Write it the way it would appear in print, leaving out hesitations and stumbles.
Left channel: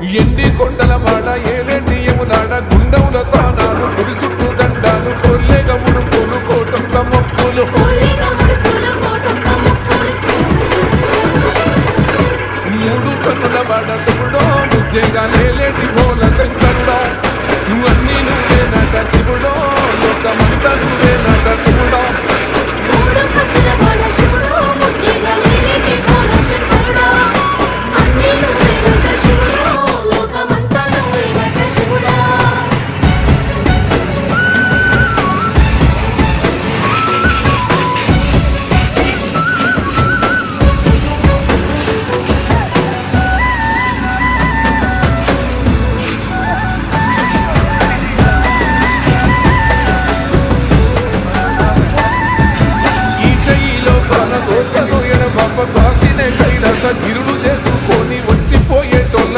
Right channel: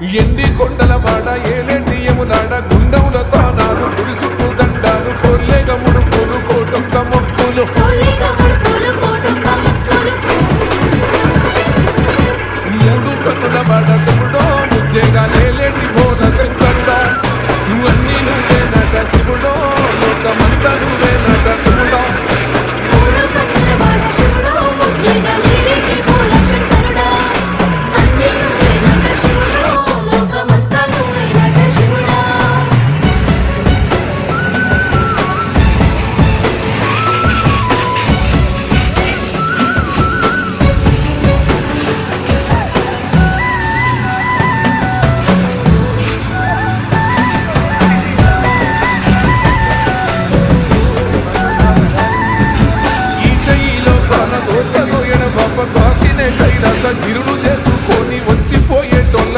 ఎండి కొండల మాడ ఏలేటి యములాడ గుండముల తానాలు గుడి చుట్టూ దండాలు కొల్లేగ ముడుపులు కోటొక్క మొక్కులు మూడు కన్నుల బాట శివుడో ముజ్జేగా లేలేటి భోల శంకరుడో అన్నీ నువ్వే నట శివుడో లోకమంతా నువ్వే నట శివుడో కోసను ఎడబాప కాసినే కైలాస గిరులు చేసుకొని వచ్చిపోయేటోళ్ళ